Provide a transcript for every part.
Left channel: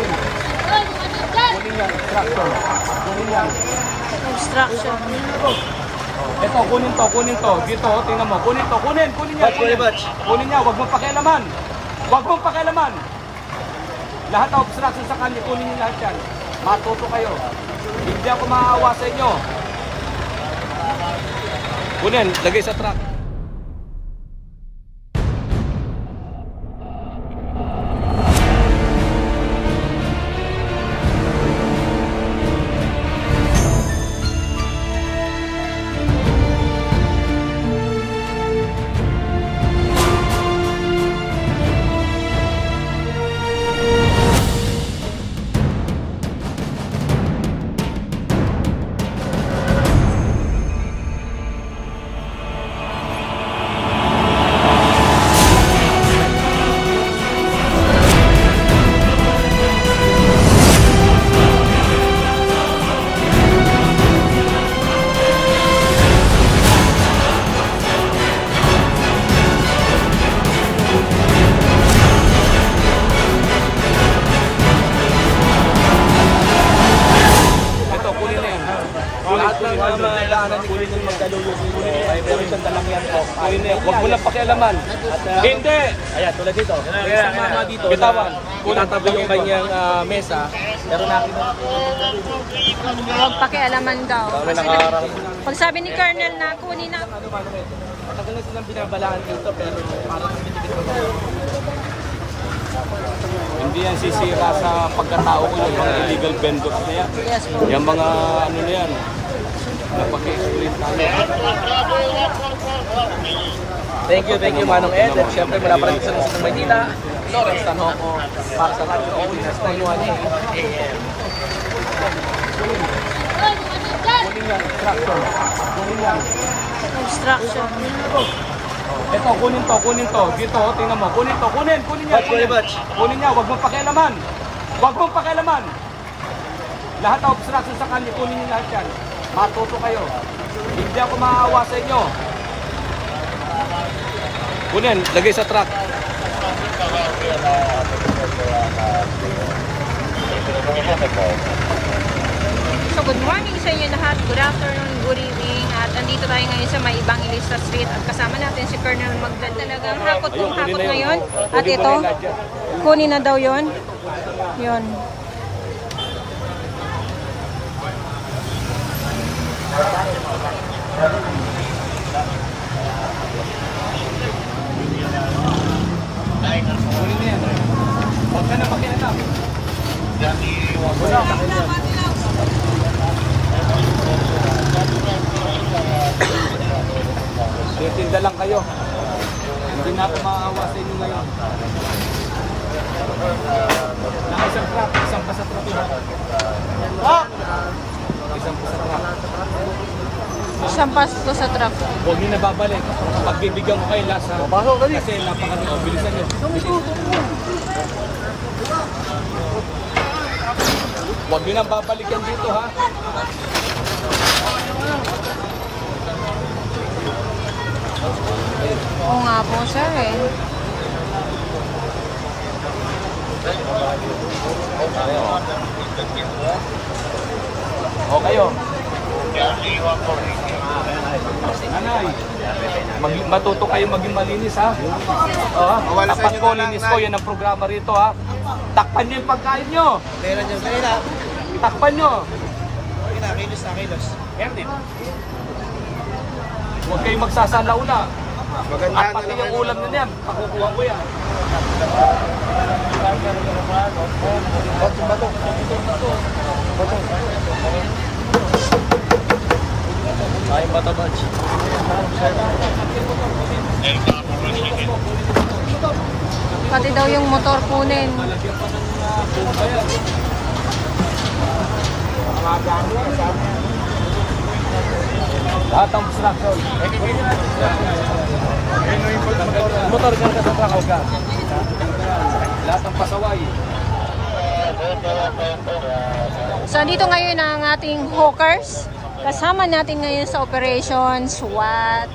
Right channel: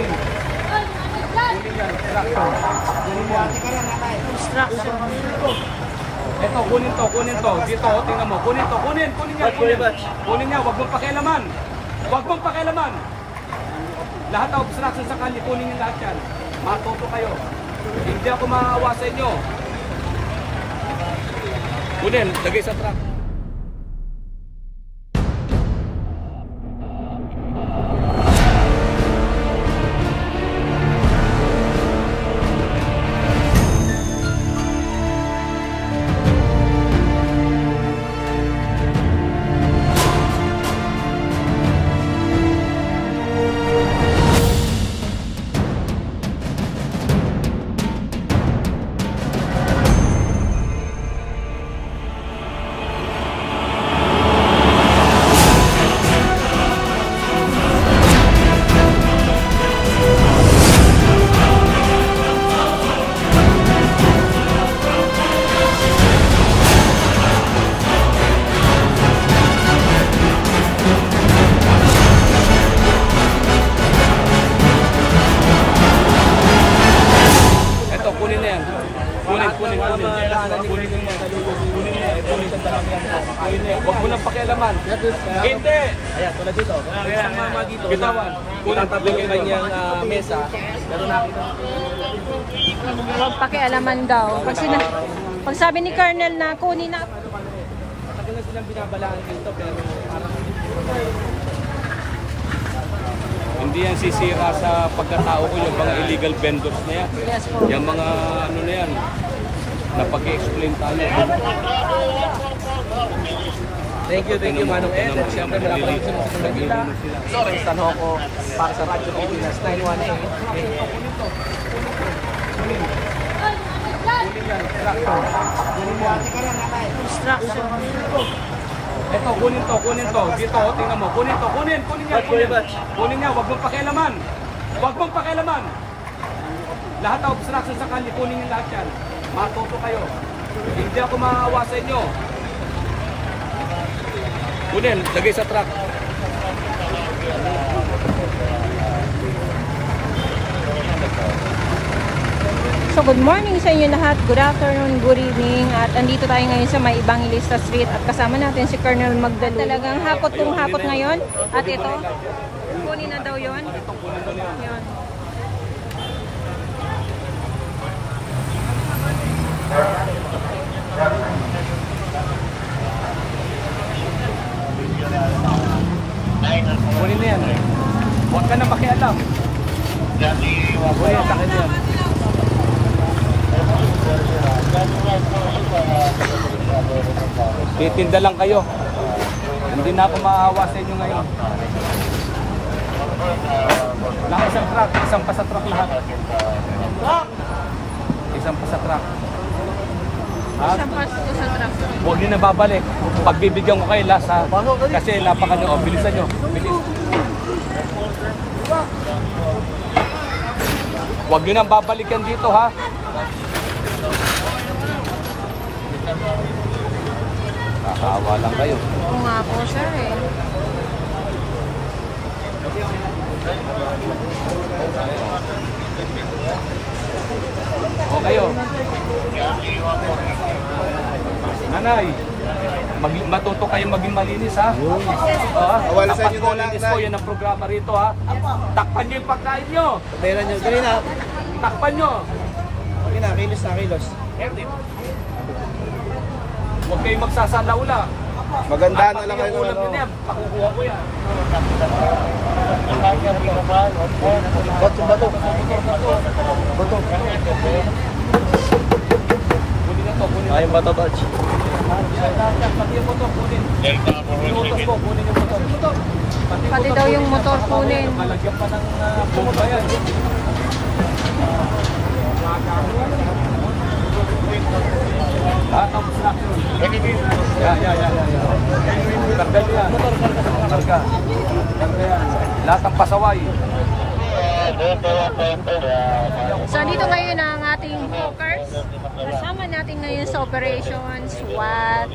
Kunin yan, extraction. Kunin yan. Obstruction. Ito, kunin to. Dito, tingnan mo. Kunin to, kunin yan. Kunin niya, huwag mong pakialaman. Huwag mong pakialaman. Lahat ng obstruction sa kanya, kunin niyo lahat yan. Matuto kayo. Hindi ako maawa sa inyo. Kunin, lagay sa truck. Huwag mo lang pakialaman. Hindi! Ayan, tulad dito. Bitawan. Kulang tabi yung kanyang mesa. Pero nakita. Huwag pakialaman daw. Pag sabi ni Colonel na kunin na. Matagal na silang binabalaan dito. Pero parang hindi yan sisira sa pagkatao ko yung mga illegal vendors na yan. Yes po. Yung mga ano na yan. Napag-explain tayo. Thank you Manong Ed. At syempre malapalit sa Luzon, Maynila. Lawrence Tanhoco para sa Radyo Pilipinas 918. Kunin yan, extraction. Kunin yan. Obstruction. Ito, kunin to. Dito, tingnan mo. Kunin yan. Kunin niya, huwag mong pakialaman. Huwag mong pakialaman. Lahat ng obstruction sa kanya, kunin niyo lahat yan. Matuto kayo. Hindi ako maawa sa inyo. Kunin, lagay sa truck. So good morning sa inyo lahat, good afternoon, good evening. At andito tayo ngayon sa may Evangelista Street at kasama natin si Colonel Magdalo. Talagang hakot kung hakot ngayon. At ito, kunin na daw yon. Yon. Kunin na yan. Huwag ka na makialam. Titinda lang kayo. Hindi na ako maawa sa inyo ngayon. Naka isang truck, isang pa sa truck lahat. Isang pa sa truck. Isang pasto sa truck. Huwag nyo na babalik. Pagbibigyan ko kayo lasa. Kasi lapakan nyo. Bilisan nyo. Bilis. Huwag nyo nang babalikan dito ha. Nakahawa lang kayo. Oo nga po sir eh. O kayo. Nanay, matuto kayo maging malinis ha. Awala sa inyo na lang, Nay. Yan ang programa rito ha. Takpan nyo yung pagkain nyo. meron nyo. Dali na. Takpan nyo. Kilos na kilos. Huwag kayong magsasala una. Maganda na lang Pati yung ulam na yan, pakukuha ko yan. Motor na to. Ay, mga tabad. Pati daw yung motor kunin. Malagyan pa ng bomba yan. Lahat ng obstruction. Yan. Tanggal yan. Motor na tanggal. Lahat ng pasaway. So dito ngayon ang ating hawkers. Kasama natin ngayon sa Operation SWAT.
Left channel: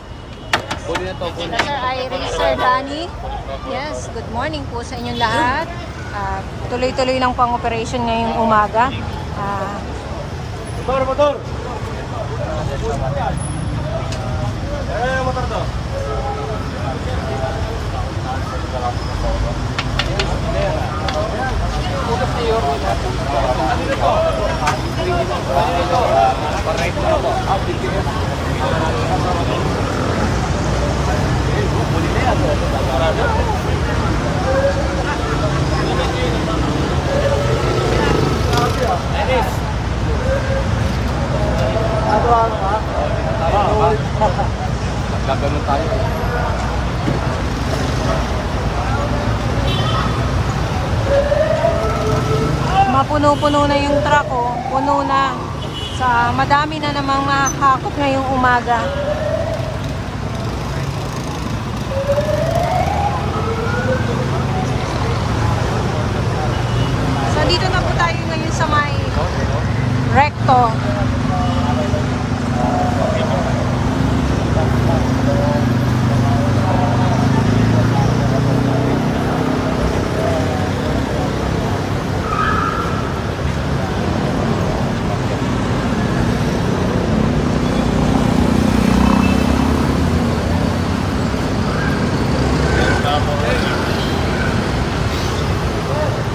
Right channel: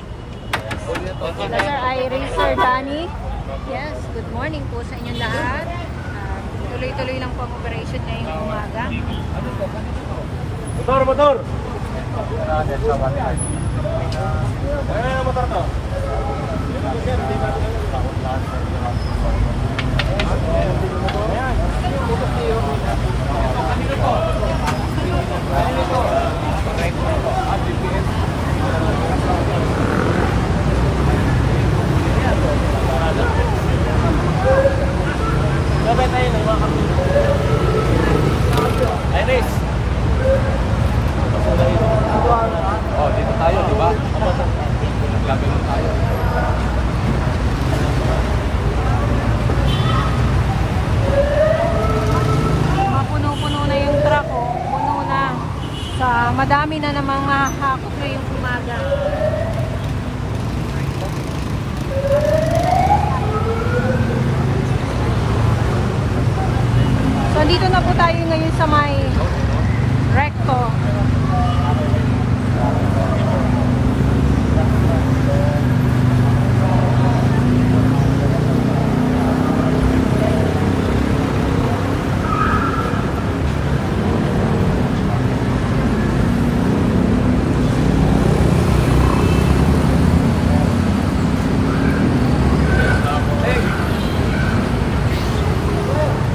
Sir Iris, Sir Danny. Yes, good morning po sa inyong lahat. tuloy-tuloy lang pang operation ngayong umaga. Motor! Iris! Oh, dito tayo, di ba? Nagganun tayo. Mapuno-puno na yung truck, oh. Puno na. Madami na namang mahahakot ngayong umaga. So, dito na po tayo ngayon sa may recto.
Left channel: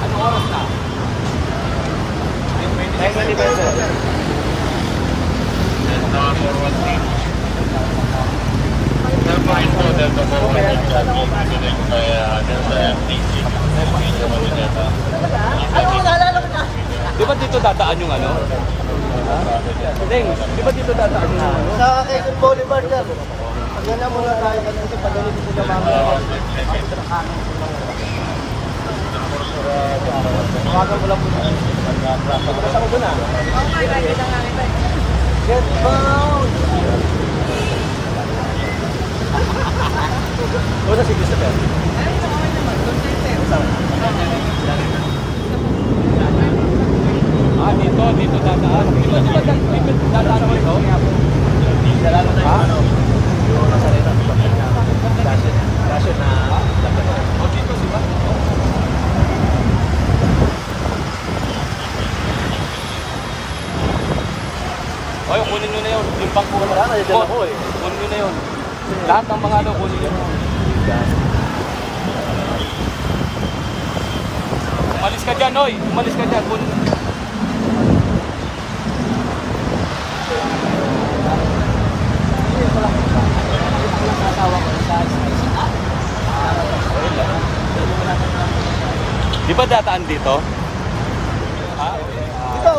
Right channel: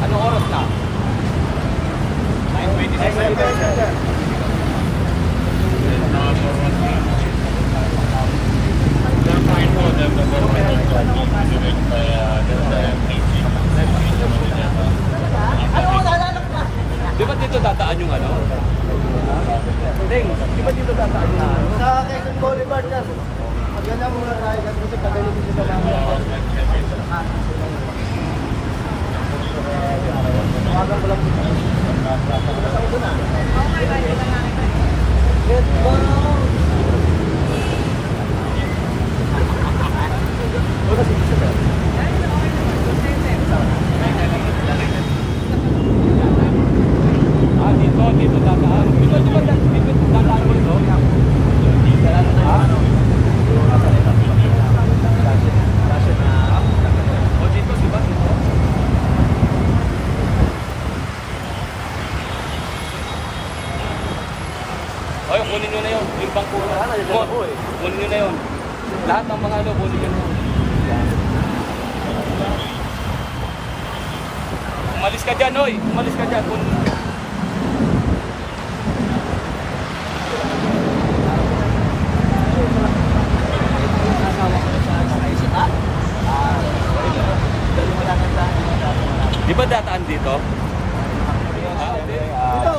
Anong oras na? Di ba dito dadaan yung ano? Deng, di ba dito dadaan yung ano? Sa Quezon Boulevard yan. Pagana muna tayo dito, pagano dito sa mamaya. Dito dadaan. Dito dadaan dito. O dito, di ba? Oy, kunin nyo na yun. Yung bangko yun. Kunin nyo na yun. Lahat ng mga ano, kunin nyo na yun. Umalis ka dyan, oy. Umalis ka dyan. Kunin. Di ba dataan dito? Dito,